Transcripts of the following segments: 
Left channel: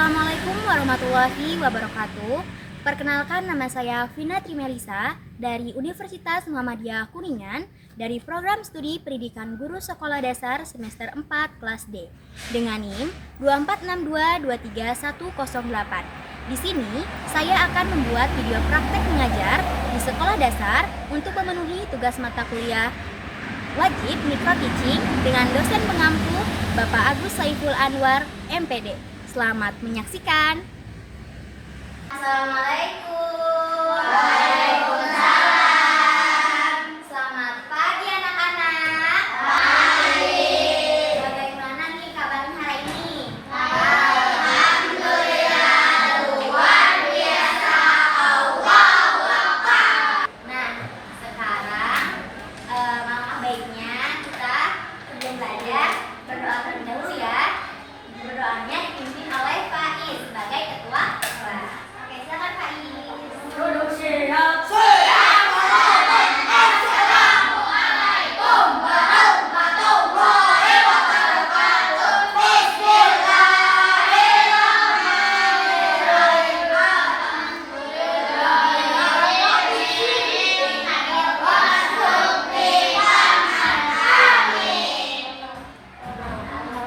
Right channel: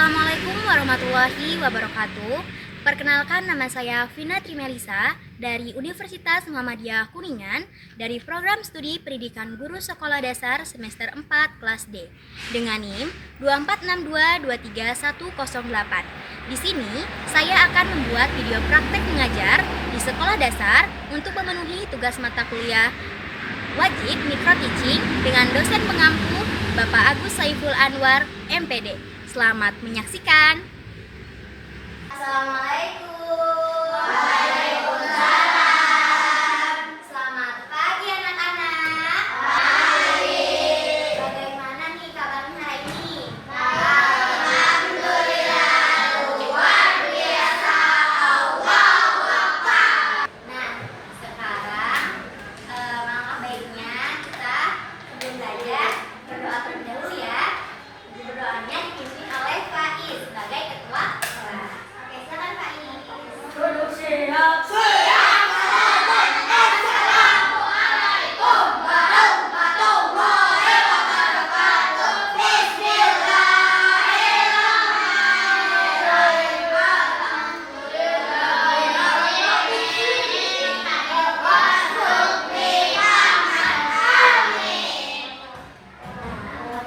Assalamualaikum warahmatullahi wabarakatuh. Perkenalkan, nama saya Vina Trimelisa dari Universitas Muhammadiyah Kuningan dari Program Studi Pendidikan Guru Sekolah Dasar semester 4 kelas D dengan NIM 246223108. Di sini saya akan membuat video praktek mengajar di sekolah dasar untuk memenuhi tugas mata kuliah wajib micro teaching dengan dosen pengampu Bapak Agus Saiful Anwar, MPD. Selamat menyaksikan. Assalamualaikum. Waalaikumsalam. Selamat pagi anak-anak. Pagi. Bagaimana nih kabarnya hari ini? Alhamdulillah, luar biasa. Allahu Akbar. Nah, sekarang langkah baiknya kita sebelum belajar berdoa terlebih dahulu ya. Berdoanya dipimpin oleh Faiz sebagai ketua kelas. Oke, silakan Faiz. Duduk siap. Assalamualaikum warahmatullahi wabarakatuh. Bismillahirrahmanirrahim. Alhamdulillahirrahmanirrahim.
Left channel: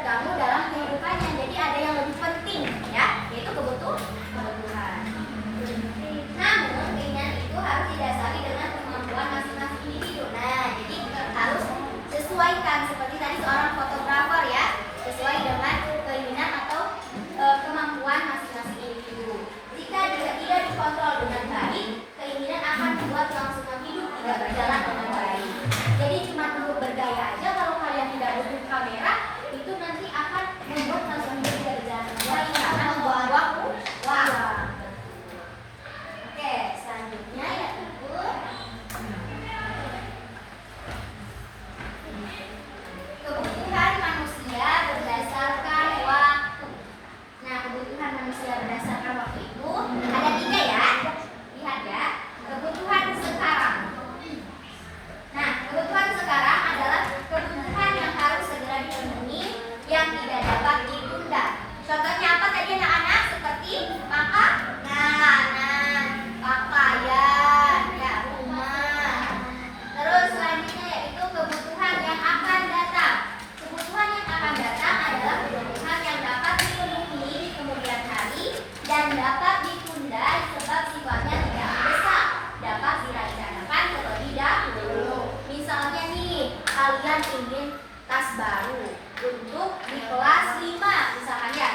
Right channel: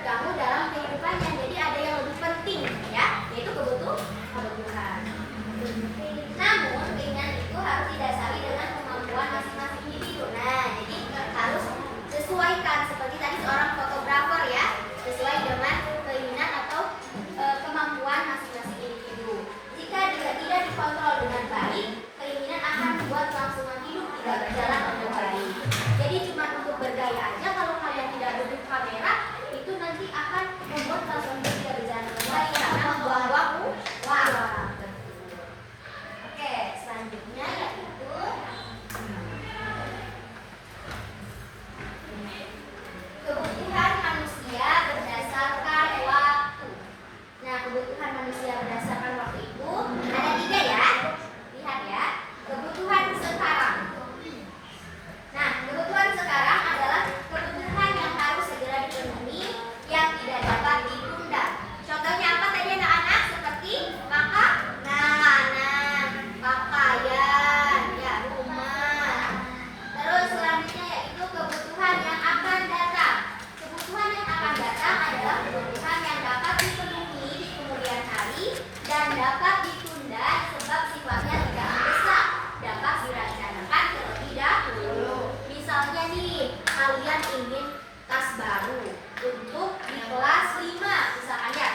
terganggu dalam kehidupannya. Jadi ada yang lebih penting ya, yaitu kebutuhan. Namun keinginan itu harus didasari dengan kemampuan masing-masing individu. Nah, jadi harus sesuaikan seperti tadi seorang fotografer ya, sesuai dengan keinginan atau kemampuan masing-masing individu. Jika dia tidak dikontrol dengan baik, keinginan akan membuat kelangsungan hidup tidak berjalan dengan baik. Jadi cuma untuk bergaya aja, kalau kalian tidak butuh kamera, itu nanti akan membuat kelangsungan hidup tidak berjalan dengan baik, akan membuang-buang uang. Oke, selanjutnya yaitu kebutuhan manusia berdasarkan waktu. Nah, kebutuhan manusia berdasarkan waktu itu ada 3 ya. Lihat ya, kebutuhan sekarang. Nah, kebutuhan sekarang adalah kebutuhan yang harus segera dipenuhi, yang tidak dapat ditunda. Contohnya apa tadi anak-anak? Seperti pakaian, ya, rumah. Terus selanjutnya yaitu kebutuhan yang akan datang. Kebutuhan yang akan datang adalah kebutuhan yang dapat dipenuhi di kemudian hari dan dapat ditunda sebab sifatnya tidak mendesak, dapat direncanakan terlebih dahulu. Misalnya nih, kalian ingin tas baru untuk di kelas 5 misalkan ya.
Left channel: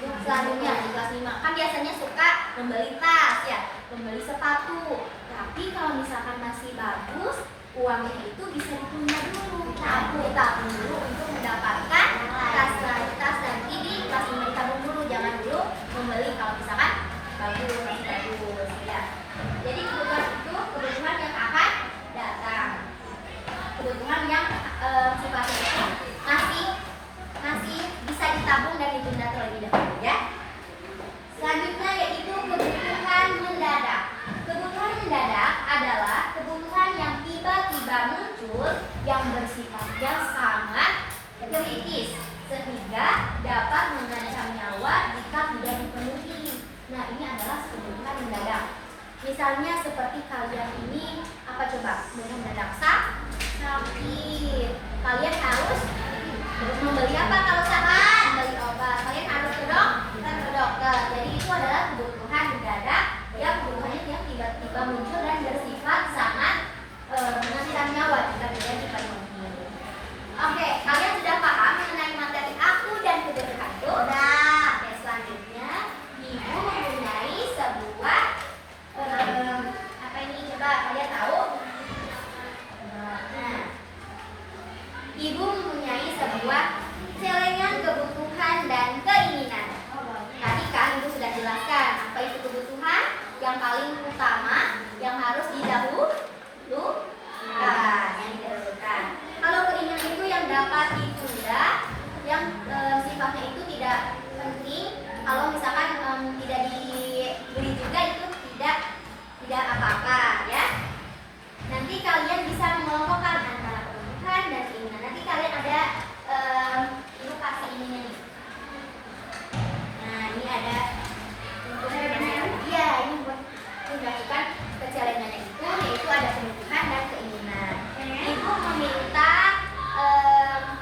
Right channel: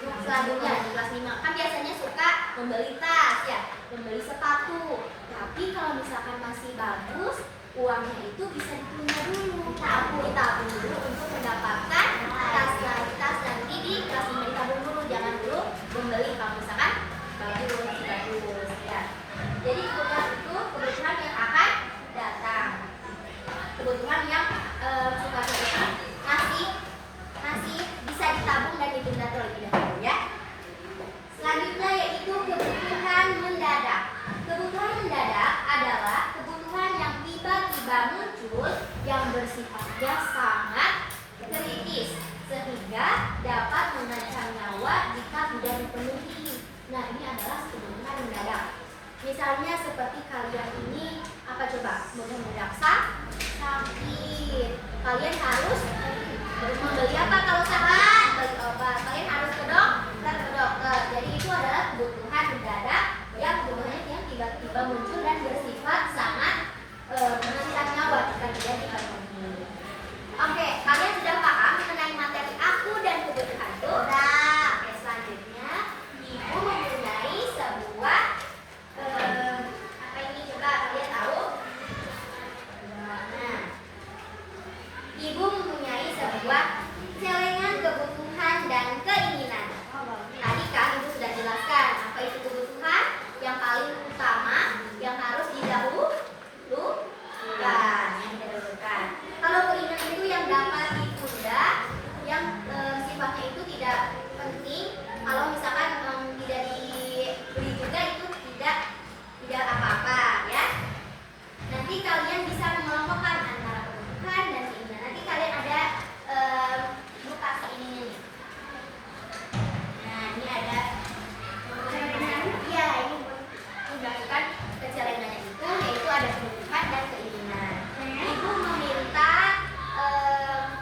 Untuk selanjutnya di kelas 5 kan biasanya suka membeli tas ya, membeli sepatu. Tapi kalau misalkan masih bagus, uangnya itu bisa ditunda dulu, tabung dulu untuk mendapatkan tas nanti di kelas 5. Ditabung dulu, jangan dulu membeli kalau misalkan bagus ya. Jadi kebutuhan itu kebutuhan yang akan datang, kebutuhan yang sifatnya itu masih bisa ditabung dan ditunda terlebih dahulu ya. Selanjutnya yaitu kebutuhan mendadak. Kebutuhan mendadak adalah kebutuhan yang tiba-tiba muncul yang bersifatnya sangat kritis sehingga dapat mengancam nyawa jika tidak dipenuhi. Nah, ini adalah kebutuhan mendadak. Misalnya seperti kalian ini apa coba? Mendadak sakit. Kalian harus membeli apa kalau sakit? Membeli obat. Kalian harus ke dokter. Jadi itu adalah kebutuhan mendadak yang kebutuhannya yang tiba-tiba muncul dan bersifat sangat mengancam nyawa jika tidak dipenuhi. Oke, kalian sudah paham mengenai materi aku dan kebutuhan itu? Nah, selanjutnya ibu mempunyai sebuah apa ini coba kalian tahu? Nah, ibu mempunyai sebuah celengan kebutuhan dan keinginan. Tadi kan ibu sudah jelaskan apa itu kebutuhan yang paling utama yang harus didahulukan. Kalau keinginan itu yang dapat ditunda, yang sifatnya itu tidak penting. Kalau misalkan tidak dibeli juga itu tidak apa-apa ya. Nanti kalian bisa mengelompokkan antara kebutuhan dan keinginan. Nanti kalian ada ibu kasih ininya nih. Nah, ini ada ya, ini menunjukkan kejalanannya itu yaitu ada kebutuhan dan keinginan. Ibu meminta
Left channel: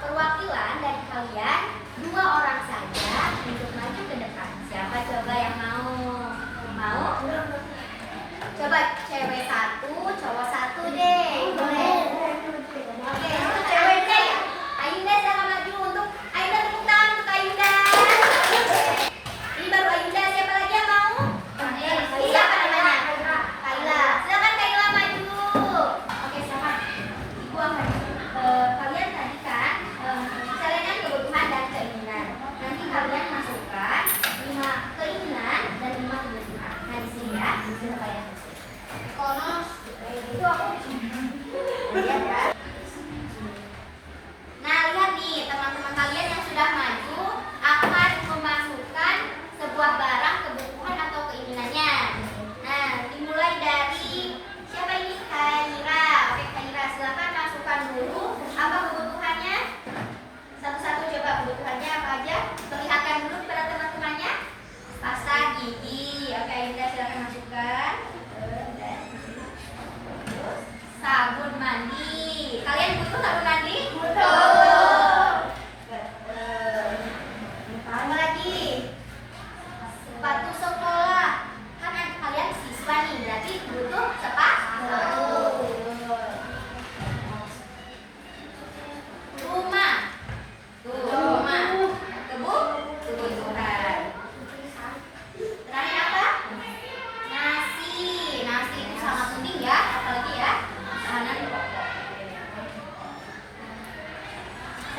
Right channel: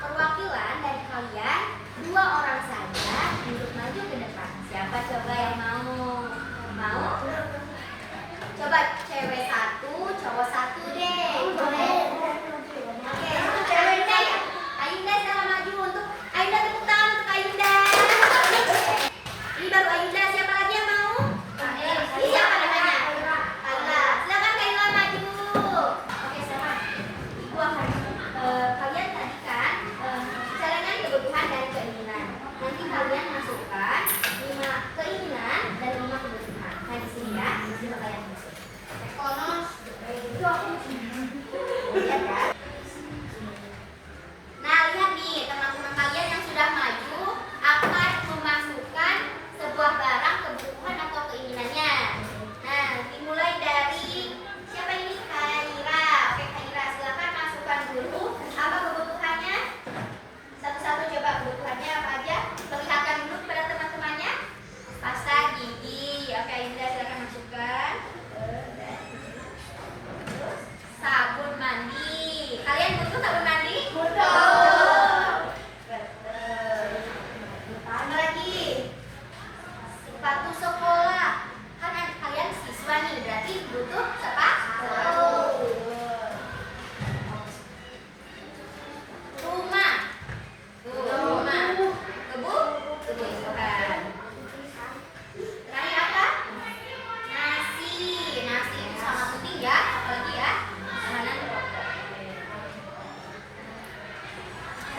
perwakilan dari kalian 2 orang saja untuk maju ke depan. Siapa coba yang mau? Coba cewek 1, cowok 1 deh. Boleh. Oke, untuk ceweknya ya. Ayunda jangan maju untuk Ayunda, tepuk tangan untuk Ayunda. Ini baru Ayunda, siapa lagi yang mau? Siapa namanya? Kaila. Silakan Kaila maju. Oke, silakan. Ibu akan kalian tadi kan celengan kebutuhan dan keinginan. Nanti kalian masukkan 5 keinginan dan 5 kebutuhan. Nah, di sini ya, di sini kalian masuk. Itu aku lihat ya. Nah, lihat nih teman-teman kalian yang sudah maju akan memasukkan sebuah barang kebutuhan atau keinginannya. Nah, dimulai dari siapa ini? Kaira. Oke, Kaira, silakan masukkan dulu apa kebutuhannya. Satu-satu coba kebutuhannya apa aja. Perlihatkan dulu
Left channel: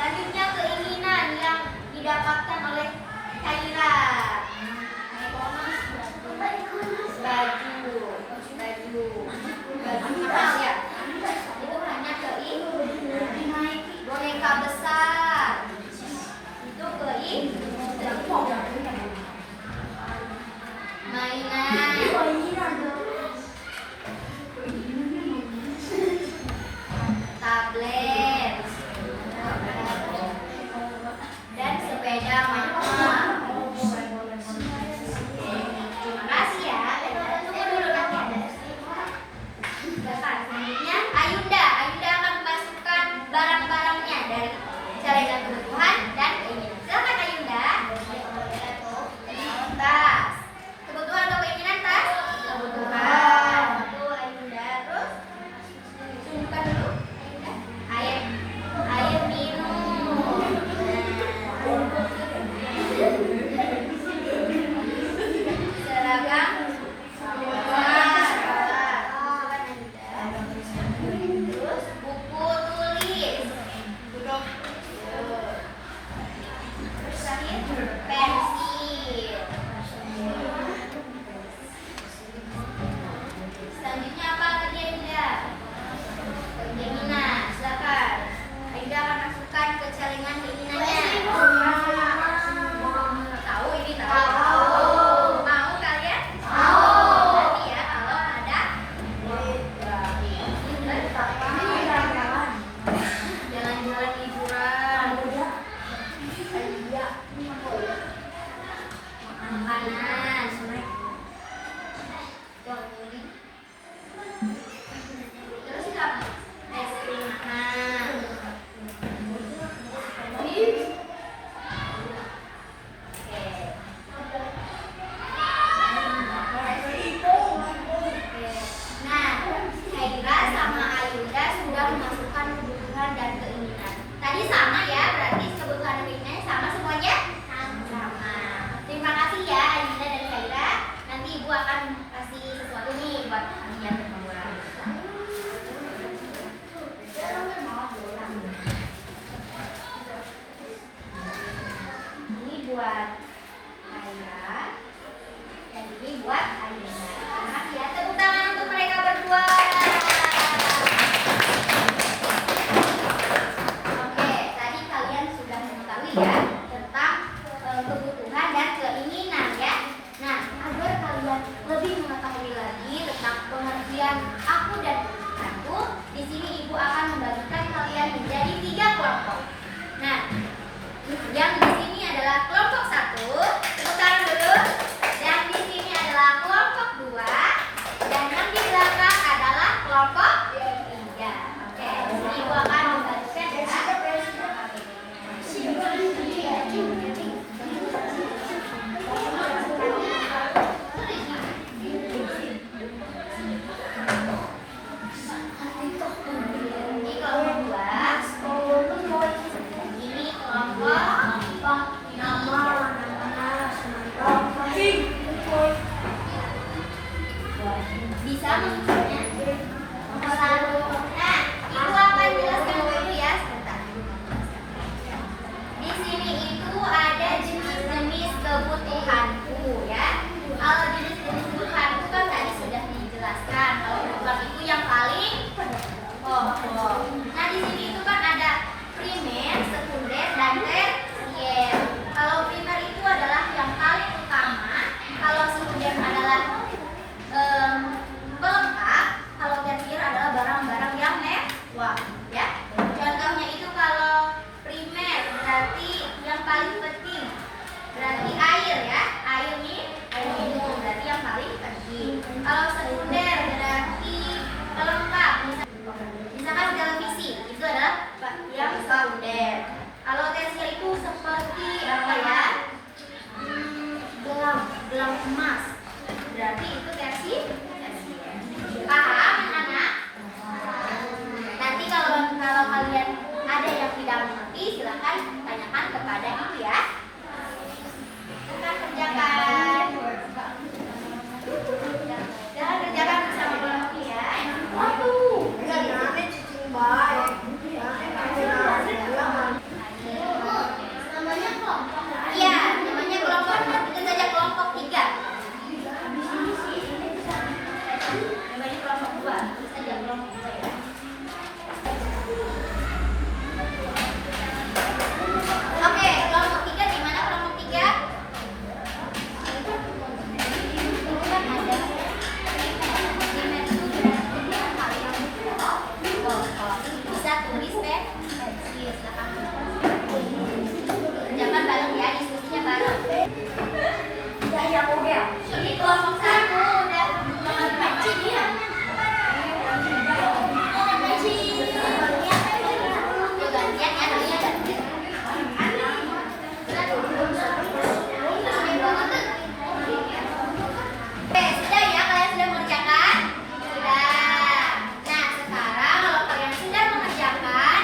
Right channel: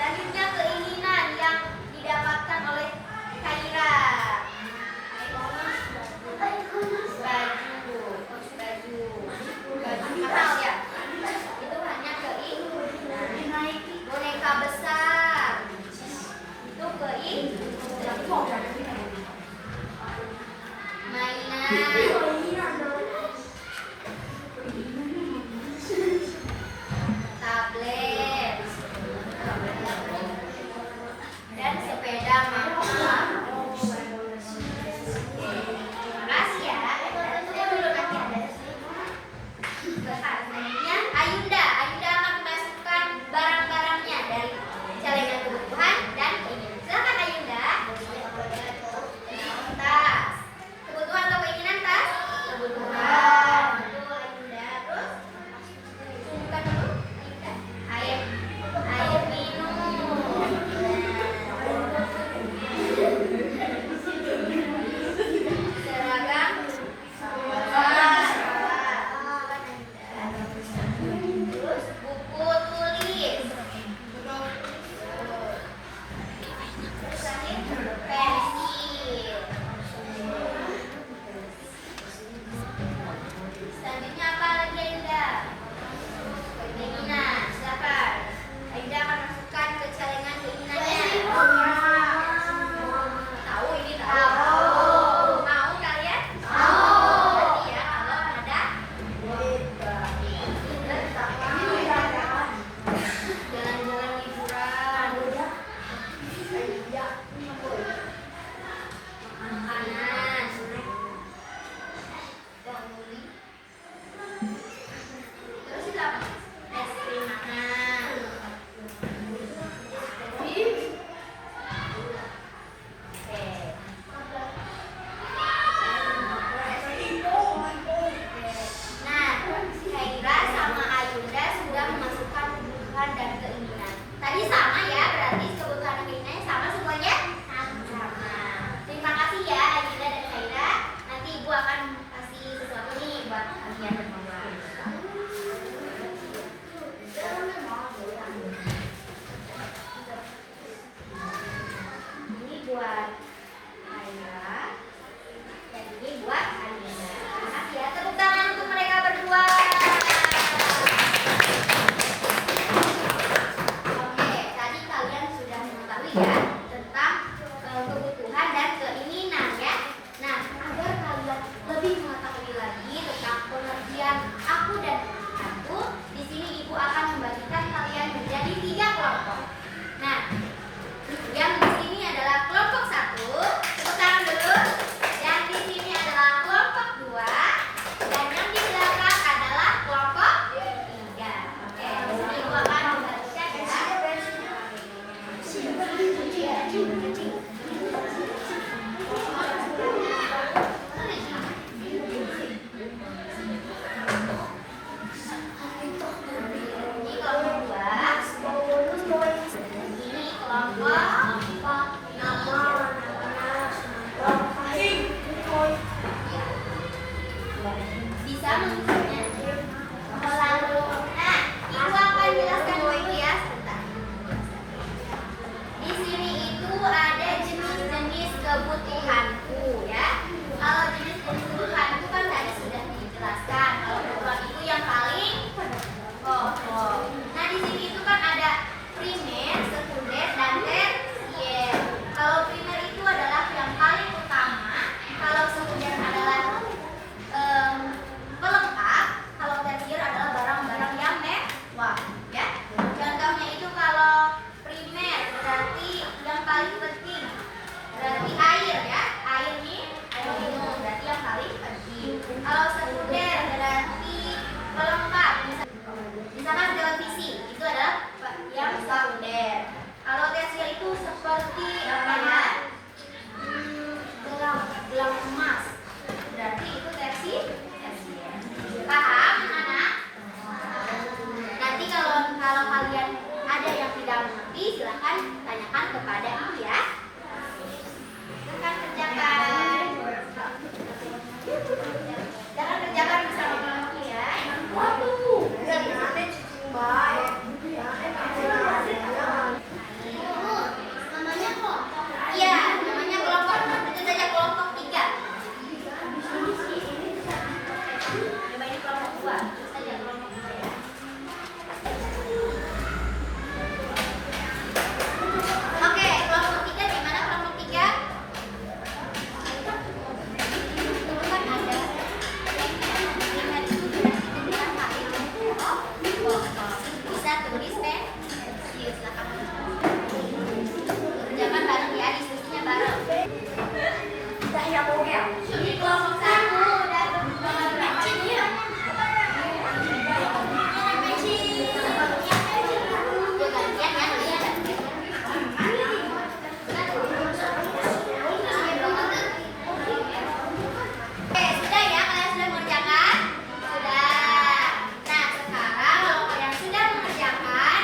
Selanjutnya keinginan yang didapatkan oleh Khaira. Baju mahal ya. Itu hanya keinginan. Boneka besar. Itu keinginan. Mainan. Tablet dan sepeda motor. Terima kasih ya. Selanjutnya Ayunda akan memasukkan barang-barangnya dari celengan kebutuhan dan keinginan. Silakan Ayunda. Tas. Kebutuhan atau keinginan tas? Kebutuhan. Itu Ayunda. Terus tunjukkan dulu. Air minum. Seragam sekolah. Terus buku tulis. Terus terakhir pensil. Selanjutnya apa lagi Ayunda? Keinginan, silakan. Ayunda akan masukkan ke celengan keinginannya. Tahu ini tahu. Mau kalian? Mau. Nanti ya kalau ada jalan-jalan liburan, makanan, terus itu apa? Es krim mahal. Nah, Khaira sama Ayunda sudah memasukkan kebutuhan dan keinginan. Tadi sama ya, berarti kebutuhan dan keinginannya sama semuanya? Sama. Terima kasih ya Ayunda dan Khaira. Nanti Ibu akan kasih sesuatu nih buat kalian berdua. Ini buat Khaira dan ini buat Ayunda. Ya, tepuk tangan untuk mereka berdua. Oke, tadi kalian sudah mengetahui ya tentang kebutuhan dan keinginan ya. Nah, agar kalian lebih mengetahui lagi tentang pengertian aku dan aku, di sini Ibu akan membagikan kalian menjadi 3 kelompok. Nah, yang di sini adalah kelompok 1, tepuk tangan dulu. Yang di sini adalah kelompok 2, dan yang di belakang adalah kelompok 3. Oke, jadi Ibu akan membagikan ya. Ini kelompok 2. Ini kelompok bisa mengusirnya. Lalu, nah, Ibu akan jelaskan dulu ya sebentar. Di sini itu ada jenis-jenis kebutuhanku ya. Kalau jenis-jenis kebutuhanku kan tadi sudah dijelaskan. Kalau kebutuhan itu yang paling pokok. Nah, di sini itu kan ada primer, sekunder, dan tersier. Kalau primer itu adalah yang paling utama. Kalau sekunder adalah pelengkap. Kalau tersier adalah barang-barang yang mewah ya. Contohnya itu kalau primer berarti yang paling penting, berarti air ya. Air nih, air minum berarti yang paling penting. Kalau sekunder berarti pelengkap, misalkan televisi itu adalah yang sekunder. Kalau tersier itu seperti apa ya? Gelang emas, berarti itu tersier. Paham anak? Nanti kalau kalian ada yang tidak mengerti, silahkan tanyakan kepada ibu ya. Bukan kerjakan. Jangan kerjakan bersama kelompok ya. Waduh, jangan cicing baik. Kerjakan bareng ya, diskusinya bareng. Ini kelompok 1 dan kelompok 2. Yuk gantian ya, ini ada. Oke, sudah ya, kalian sudah mengerjakan? Sudah. Nah, sekarang kalau kalian sudah mengerjakan,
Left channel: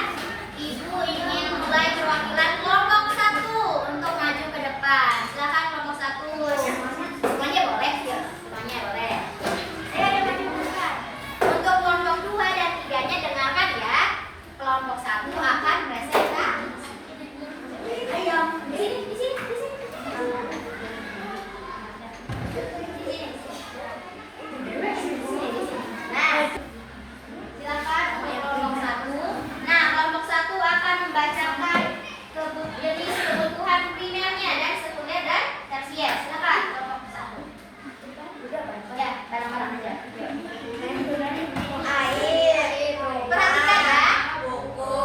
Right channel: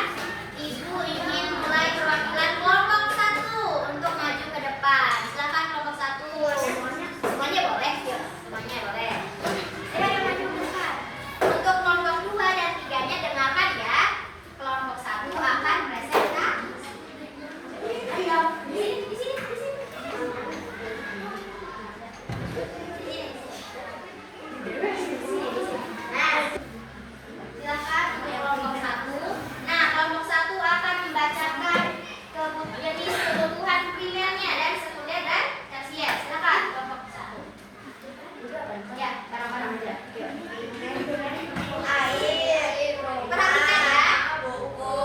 Ibu ingin mulai perwakilan kelompok 1 untuk maju ke depan. Silakan kelompok 1. Semuanya boleh? Semuanya boleh. Ayo yang maju ke depan. Untuk kelompok 2 dan 3-nya dengarkan ya. Kelompok 1 akan presentasi. Ayo, di sini. Nah, silakan untuk kelompok 1. Nah, kelompok 1 akan membacakan jenis kebutuhan primernya dan sekunder dan tersier. Silakan kelompok 1. Ya, bareng-bareng aja. Air, perhatikan ya. Buku,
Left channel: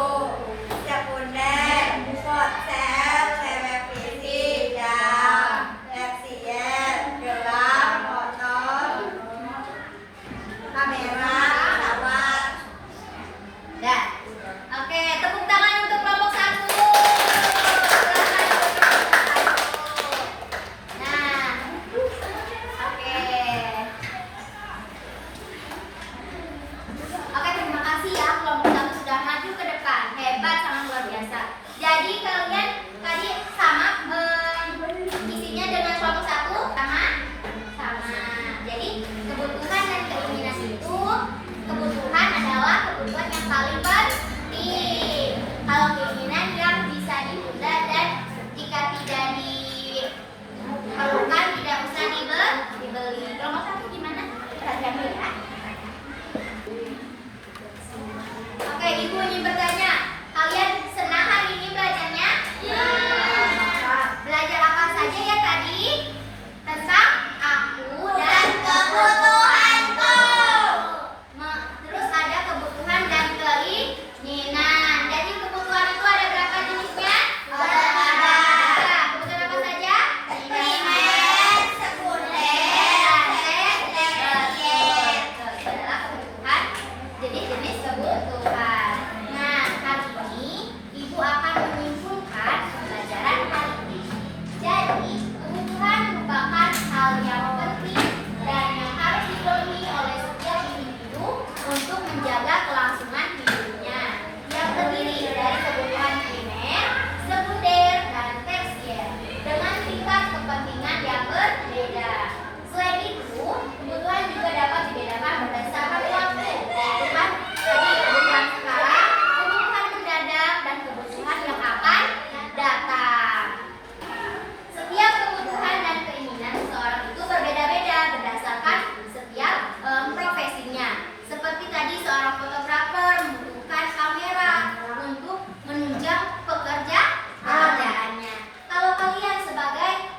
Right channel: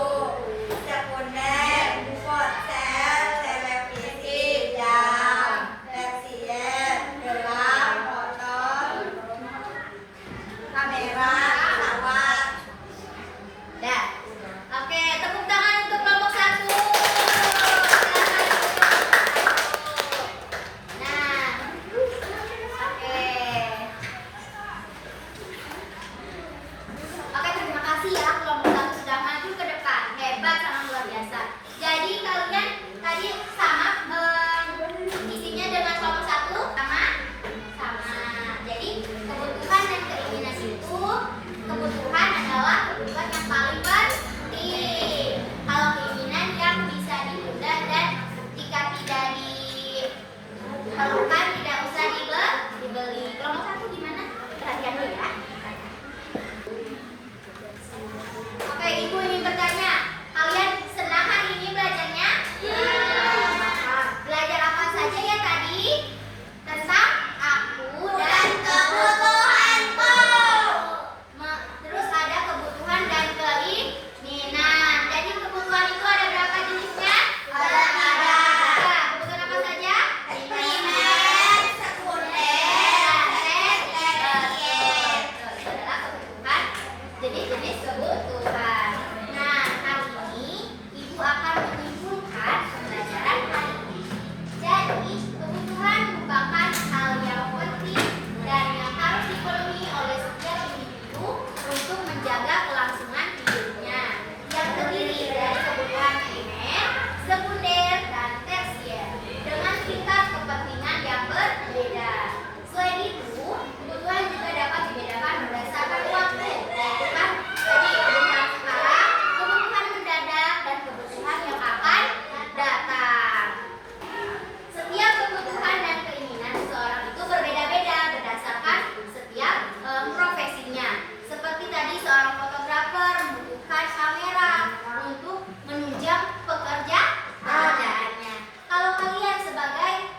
sekunder, ponsel, televisi, jam, tersier, gelang, motor, kamera, pesawat. Dah. Oke, tepuk tangan untuk kelompok 1. Nah, oke. Oke, terima kasih ya kelompok 1 sudah maju ke depan. Hebat, sangat luar biasa. Jadi kalian tadi sama isinya dengan kelompok 1 sama. Jadi kebutuhan dan keinginan itu, kebutuhan adalah kebutuhan yang paling penting. Kalau keinginan yang bisa ditunda dan jika tidak diperlukan tidak usah dibeli. Kelompok 1 gimana? Perhatikan dulu ya. Oke, Ibu ingin bertanya, kalian senang hari ini belajarnya? Iya. Belajar apa saja ya tadi? Tentang aku dan kebutuhanku. Terus ada kebutuhan dan keinginan. Jadi kebutuhan itu ada berapa jenisnya? Ada. Kebutuhan apa saja? Primer, sekunder, tersier. Itu adalah kebutuhan, jenis-jenis kebutuhan. Nah, hari ini Ibu akan menyimpulkan pembelajaran hari ini. Jadi, kebutuhan merupakan hal yang penting dan yang harus dipenuhi oleh setiap individu untuk menjaga kelangsungan hidupnya. Yang terdiri dari kebutuhan primer, sekunder, dan tersier dengan tingkat kepentingan yang berbeda. Selain itu, kebutuhan juga dapat dibedakan berdasarkan waktu. Jadi kebutuhan sekarang, kebutuhan mendadak, dan kebutuhan yang akan datang. Setiap kebutuhan dan keinginan seseorang itu berbeda-beda berdasarkan setiap profesinya. Seperti tadi seorang fotografer membutuhkan kamera untuk menunjang pekerjaannya. Kalau kalian sebagai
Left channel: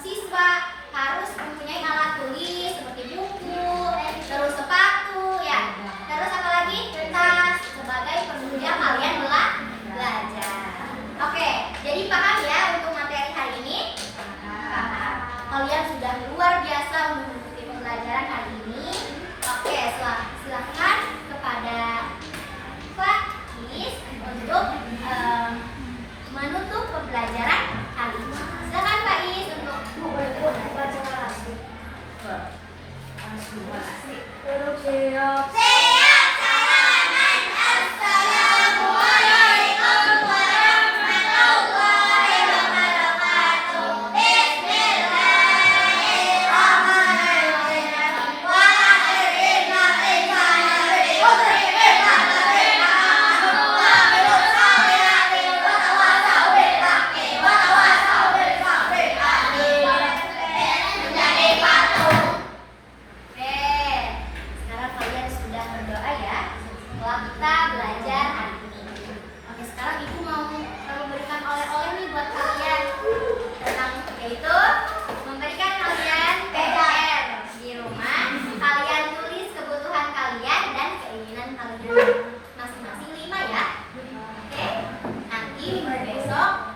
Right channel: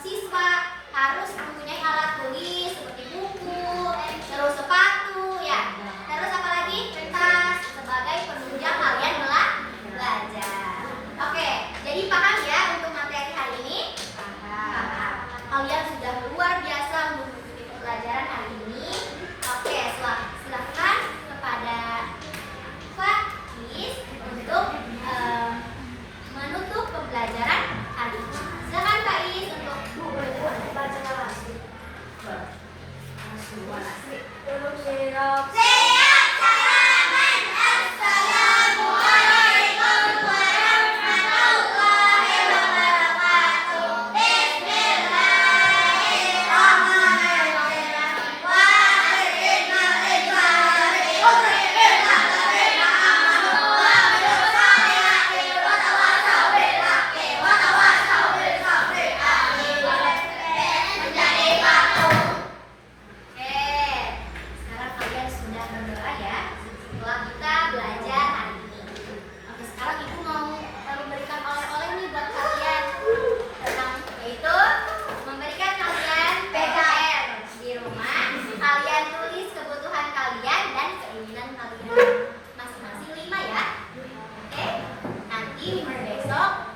siswa harus mempunyai alat tulis seperti buku, terus sepatu, ya. Terus apa lagi? Tas sebagai penunjang kalian belajar. Oke, jadi paham ya untuk materi hari ini? Paham. Kalian sudah luar biasa mengikuti pembelajaran hari ini. Oke, silakan kepada Pak Is untuk menutup pembelajaran hari ini. Silakan Pak Is untuk Siap, salaman. Assalamualaikum warahmatullahi wabarakatuh. Bismillahirrahmanirrahim. Wa akhirna Oke, sekarang kalian besok